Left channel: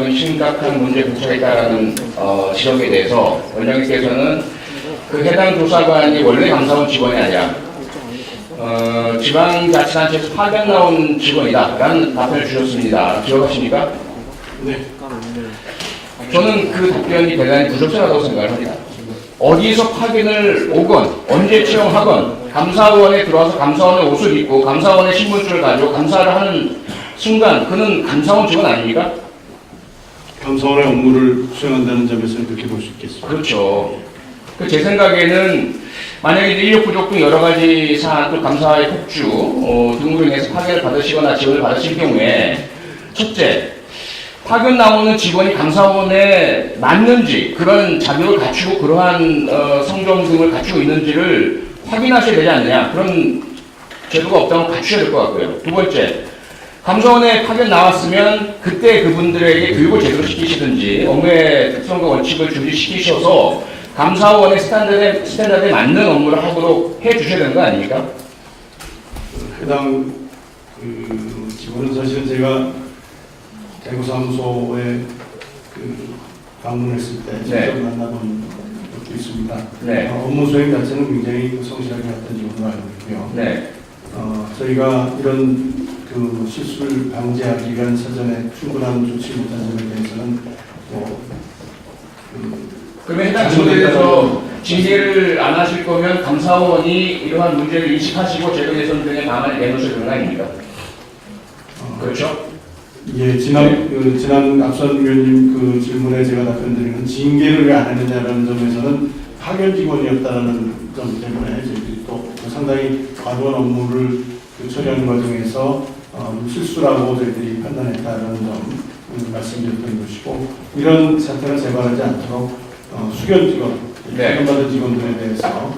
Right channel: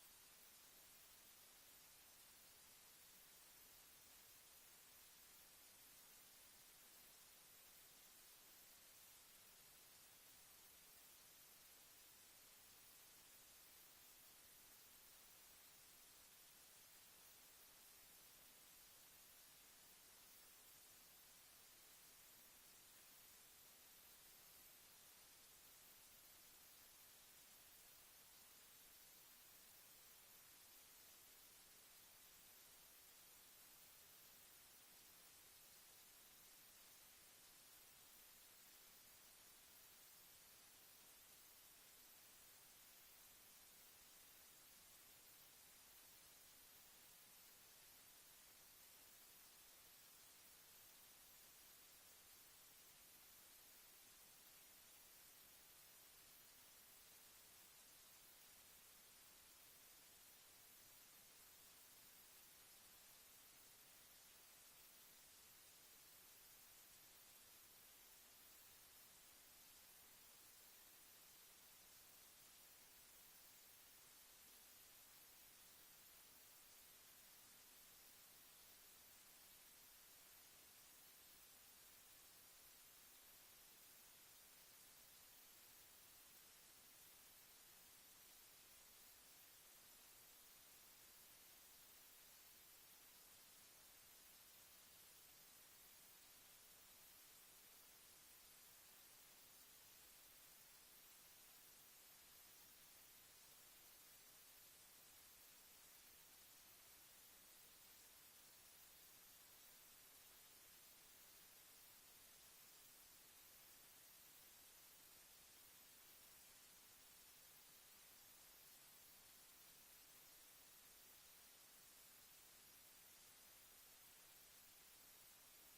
지금 심각한 문제에 부처했다라는 지적에 대해서 원장님께서는 그 해당 조사관이 원래 감사원 직원이 아니라 지방자치단체에서 파견 나온 직원이다라는 답변을 주셨습니다. 기억하십니까? 네. 저는 그 답변이 대단히 부적절하다고 생각을 합니다. 어디서 파견을 오건 언제 채용하건 감사원에 들어와서 감사원의 옷을 입고 감사원의 신분증을 가지고 감사를 하는 순간 그는 감사원 직원 아닙니까? 감사원의 업무를 수행한다는 점에서는 그렇게 볼 수 있겠습니다. 그렇죠. 제 생각에는 만약에 인력 부족 등 여러 가지 사안 또 감사의 폭주 등으로 인해서 파견을 받으시거나 지원을 받으실 경우에 첫째, 파견 나오는 직원이 감사원에 맞는지 그런 자격을 갖추고 그러한 성정 등을 갖추고 있는지를 확인하셔야 되지 않느냐, 그런 제도가 없다면 갖추셔야 될 것 같고요. 두 번째, 감사원에 파견 나왔으면 그때 그분들에게 교육을 제대로 시키시든지 업무의 특성과 원칙을 준비시키셔서 감사원의 스탠다드에 맞는 업무를 하도록 해주셔야 되는 거 아닙니까? 해당 직원은 사실은 제가 대구사무소에 방문했을 때 직접 만나본 적도 있습니다. 네. 업무 수행 자체는 굉장히 성실하게 했던 직원으로 알고 있고요. 네. 저희가 이런 실수를 방지하기 위한 사전에 충분한 조치 못한 점에 대해서는 그러면 해당 직원에 대해서 징계를 안 하실 거면 감사원이 이러한 문제를 인식하시고 제도 개선 등의 방안을 내놓으셔야 되는 거 아닙니까? 그렇죠? 예, 지난 앞선 위원님 질문에 제가 답변드리는 징계를 왜 안 했느냐라는 점에서는 파견 직원이었다는 점 때문에 저희들이 또 상당히 과도한 업무를 처리하는 과정에서 실수라고 저희들이 판단했다는 점 말씀드렸던 것이고, 이런 사태가 재발하지 않도록 수견 직원, 파견받은 직원들에 대해서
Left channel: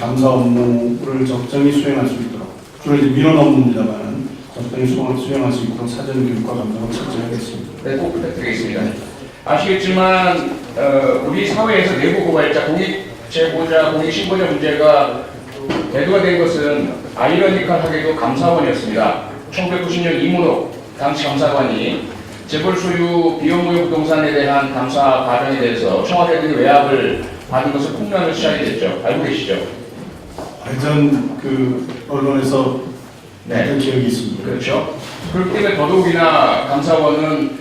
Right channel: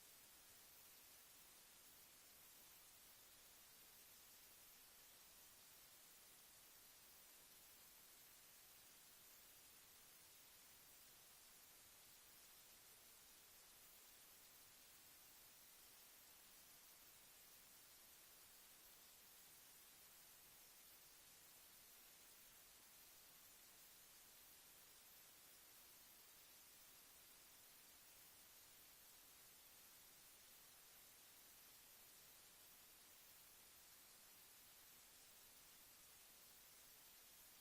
감사 업무를 적정히 수행할 수 있도록, 주로 이제 민원 업무입니다만 적당히 수행할 수 있도록 사전 교육과 감독을 철저하겠습니다. 네, 꼭 부탁드리겠습니다. 아시겠지만 우리 사회에서 내부 고발자, 공익 제보자, 공익 신고자 문제가 대두가 된 것은 아이러니컬하게도 감사원이었습니다. 1990년 이문옥 당시 감사관이 재벌 소유 비용무효 부동산에 대한 감사 과정에 대해서 청와대 등의 외압을 받은 것을 폭로하는 시작이 됐죠. 알고 계시죠? 완전 언론에서 네. 기억이 있습니다. 그렇죠. 그렇기 때문에 더더욱이나 감사원은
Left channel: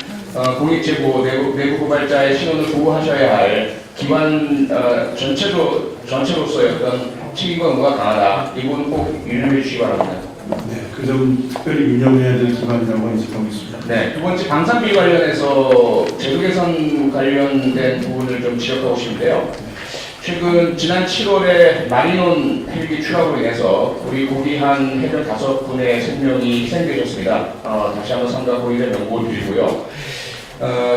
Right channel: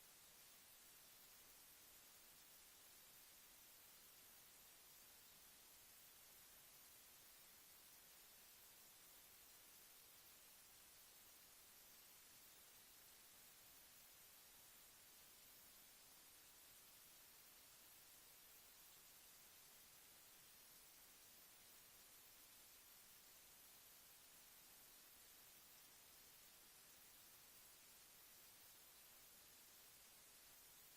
공익제보, 내부 고발자의 신원을 보호하셔야 할 기관 전체로서의 어떤 책임과 의무가 강하다. 이 부분 꼭 유념해 주시기 바랍니다. 네, 그 점 특별히 유념해야 될 기관이라고 인식하고 있습니다. 네, 두 번째 방산비 관련해서 제도 개선 관련된 부분을 좀 지적하고 싶은데요. 지난 7월에 마리논 헬기 추락으로 인해서 우리 고귀한 해병 5분의 생명이 희생되셨습니다. 다시 한번 삼가 고의의 명복을 드리고요.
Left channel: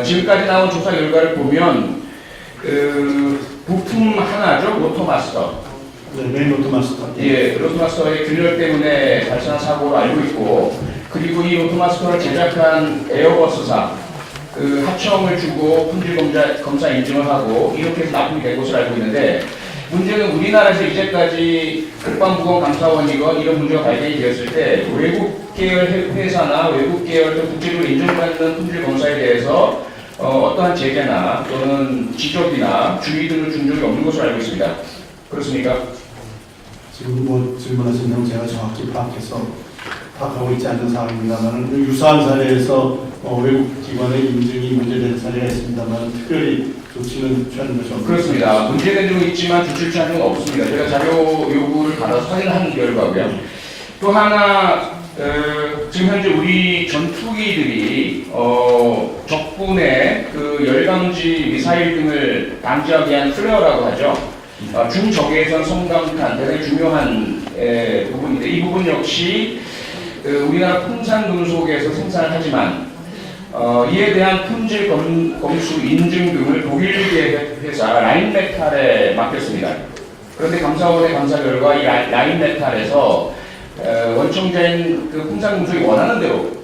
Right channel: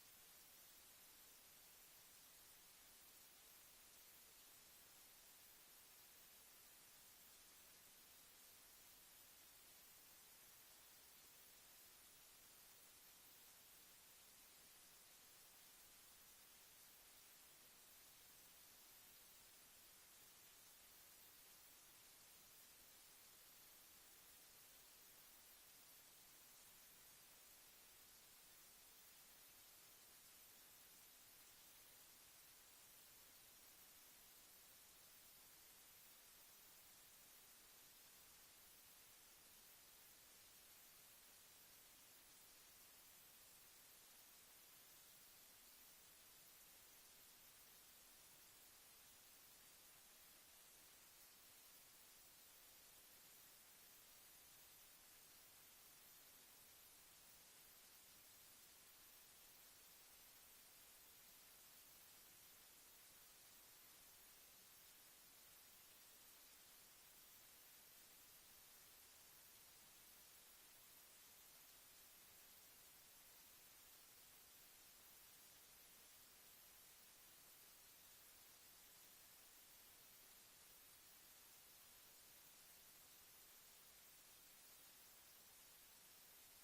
지금까지 나온 조사 결과를 보면 부품 하나죠, 로토마스터. 네, 메인 로토마스터. 예, 로토마스터의 균열 때문에 발생한 사고로 알고 있고, 그리고 이 로토마스터를 제작한 에어버스사 하청을 주고 품질 검사 인증을 하고 이렇게 해서 납품이 된 것으로 알고 있는데, 문제는 우리나라에서 이제까지 국방부검감사원이건 이런 문제가 발견이 되었을 때 외국 계열 회사나 외국 계열 국제적으로 인정받는 품질 검사에 대해서 어떠한 제재나 또는 지적이나 주의 등을 준 적이 없는 것으로 알고 있습니다. 그렇습니까? 지금 질문하신 내용 제가 정확히 파악하고 있지 않는 상황입니다만, 유사한 사례에서 외국 기관의 인증이 문제된 사례가 있습니다만 특별히 조치는 취하는 것이 없습니다. 그렇습니다. 문제된 점은 있지만 조치를 취한 적은 없습니다. 제가 자료 요구를 받아서 확인한 결과고요. 또 하나, 지금 현재 우리 전투기들이 적군의 열강지 미사일 등을 방지하기 위한 플레어라고 하죠. 중적외선 성강탄 대단히 중요한 부분인데, 이 부분 역시 우리나라 풍산금속에서 생산을 하지만 이에 대한 품질 검수 인증 등을 독일계 회사 라인메탈에 맡겼습니다. 그런데 감사원의 감사 결과 이 라인메탈에서 원청자인 풍산금속이 원하는 대로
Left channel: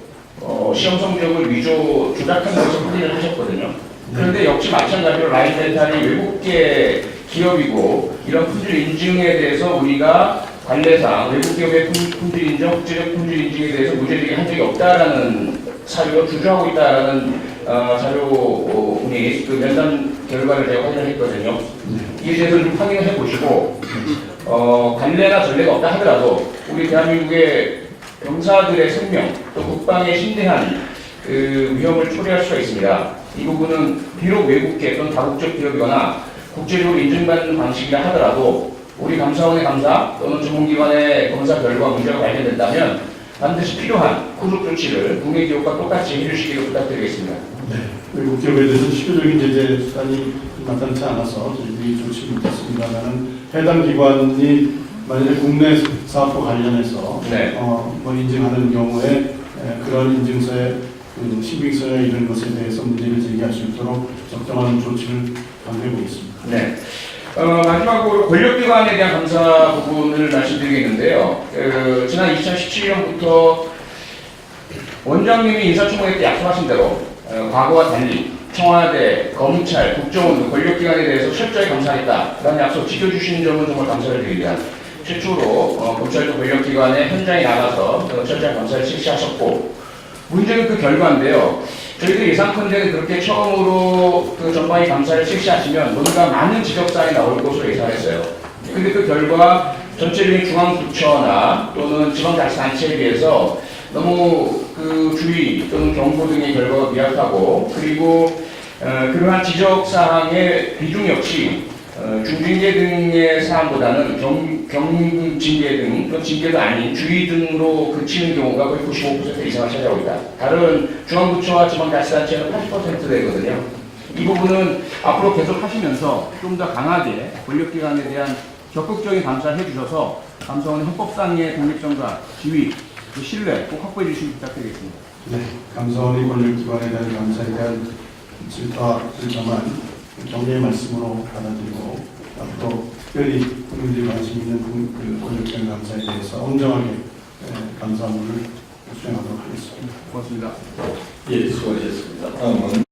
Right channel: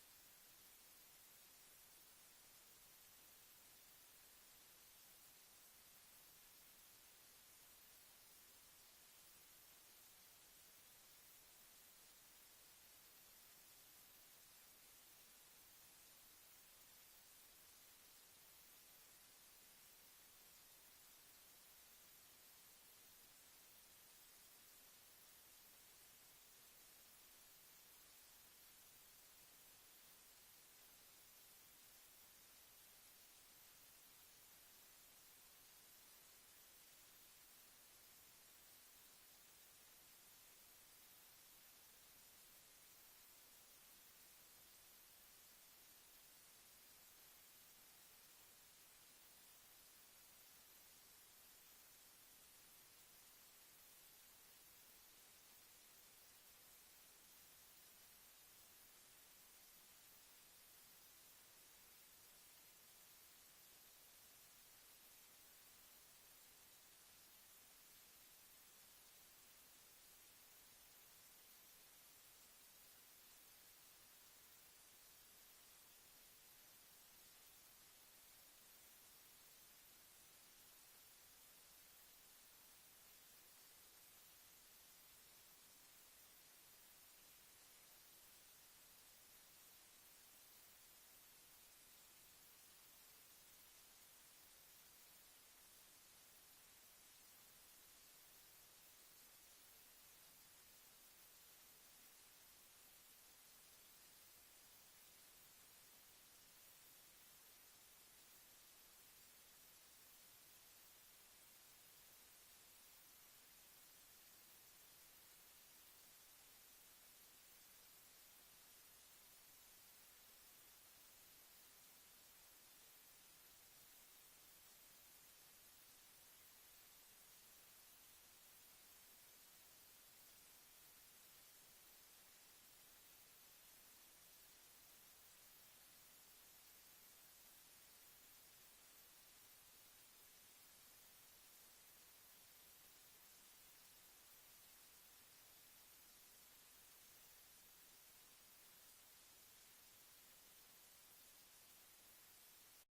시험 성적을 조작한 것을 확인을 하셨거든요. 그런데 역시 마찬가지로 라인메탈이 외국계 기업이고 이런 품질 인증에 대해서 우리가 관례상 외국 기업의 품질 인증, 국제적 품질 인증에 대해서 문제제기 한 적이 없다라는 사유로 주장하고 있다라는 자료분이 그 면담 결과를 제가 확인을 했거든요. 이에 대해서 좀 확인을 해보시고 관례나 전례가 없다 하더라도 우리 대한민국의 병사들의 생명 또 국방에 심대한 그 위험을 초래할 수가 있습니다. 이 부분은 비록 외국계 또는 다국적 기업이거나 국제적으로 인증받는 방식이라 하더라도 우리 감사원의 감사 또는 전문기관의 검사 결과 문제가 발견된다면 반드시 필요한 후속 조치를 국내 기업과 똑같이 해주시기를 부탁드리겠습니다. 네. 외국 기업에 대해서 실효적인 제재 수단이 나타나지 않아서 저희들이 조치 못했습니다만은 해당 기관이 만약에 국내 사업과 관련해서 네. 뭐 인증하는 경우에 그런 인증서의 그 신빙성이나 이런 것에 대해서 문제를 제기할 수 있도록 적정한 조치를 강구해 보겠습니다. 네. 마지막으로 권력기관에 대한 감사 부분을 말씀드리겠는데요. 지난 2017년부터 원장님이 인사청문회 때 약속하신 대로 과거와 달리 청와대, 검찰, 국정원 등 권력기관에 대해서 철저히 감사하겠다라는 약속 지켜주신 점은 정말 감사를 드립니다. 최초로 검찰도 권력기관에 현장에 나가서 철저한 감사를 실시하셨고 문제는 그 결과인데요. 저희들이 예상컨대는 그렇게 처음으로 그 전방위 감사를 실시하시면 뭔가 많은 지적사항이 나올 것으로 예상했어요. 근데 그 결과 전체적인 중앙부처나 또는 지방자치단체에 비해서 너무 그 주의 또는 경고 등의 결과가 미약하고 그리고 그러한 지적사항의 비중 역시 중징계 등의 사항보다는 경징계 등 또는 징계도 아닌 주의 등으로 그치는 경우가 거의 95% 이상을 차지하고 있다. 다른 중앙부처와 지방자치단체는 80% 되거든요. 이 부분은 앞으로 계속 하시면서 좀 더 강하게 권력기관에 대한 적극적인 감사를 해주셔서 감사원의 헌법상의 독립성과 지위, 그 신뢰 꼭 확보해 주시기 부탁드리겠습니다. 네, 감사원의 권력기관에 대한 감사에 대한 질타만 경례의 말씀으로 받아들이고 또 특별히 국민들이 관심 있는 그 권력기관 감사에 대해서 엄정하게 감사문을 수행하도록 하겠습니다. 고맙습니다. 예, 수고하셨습니다. 다음은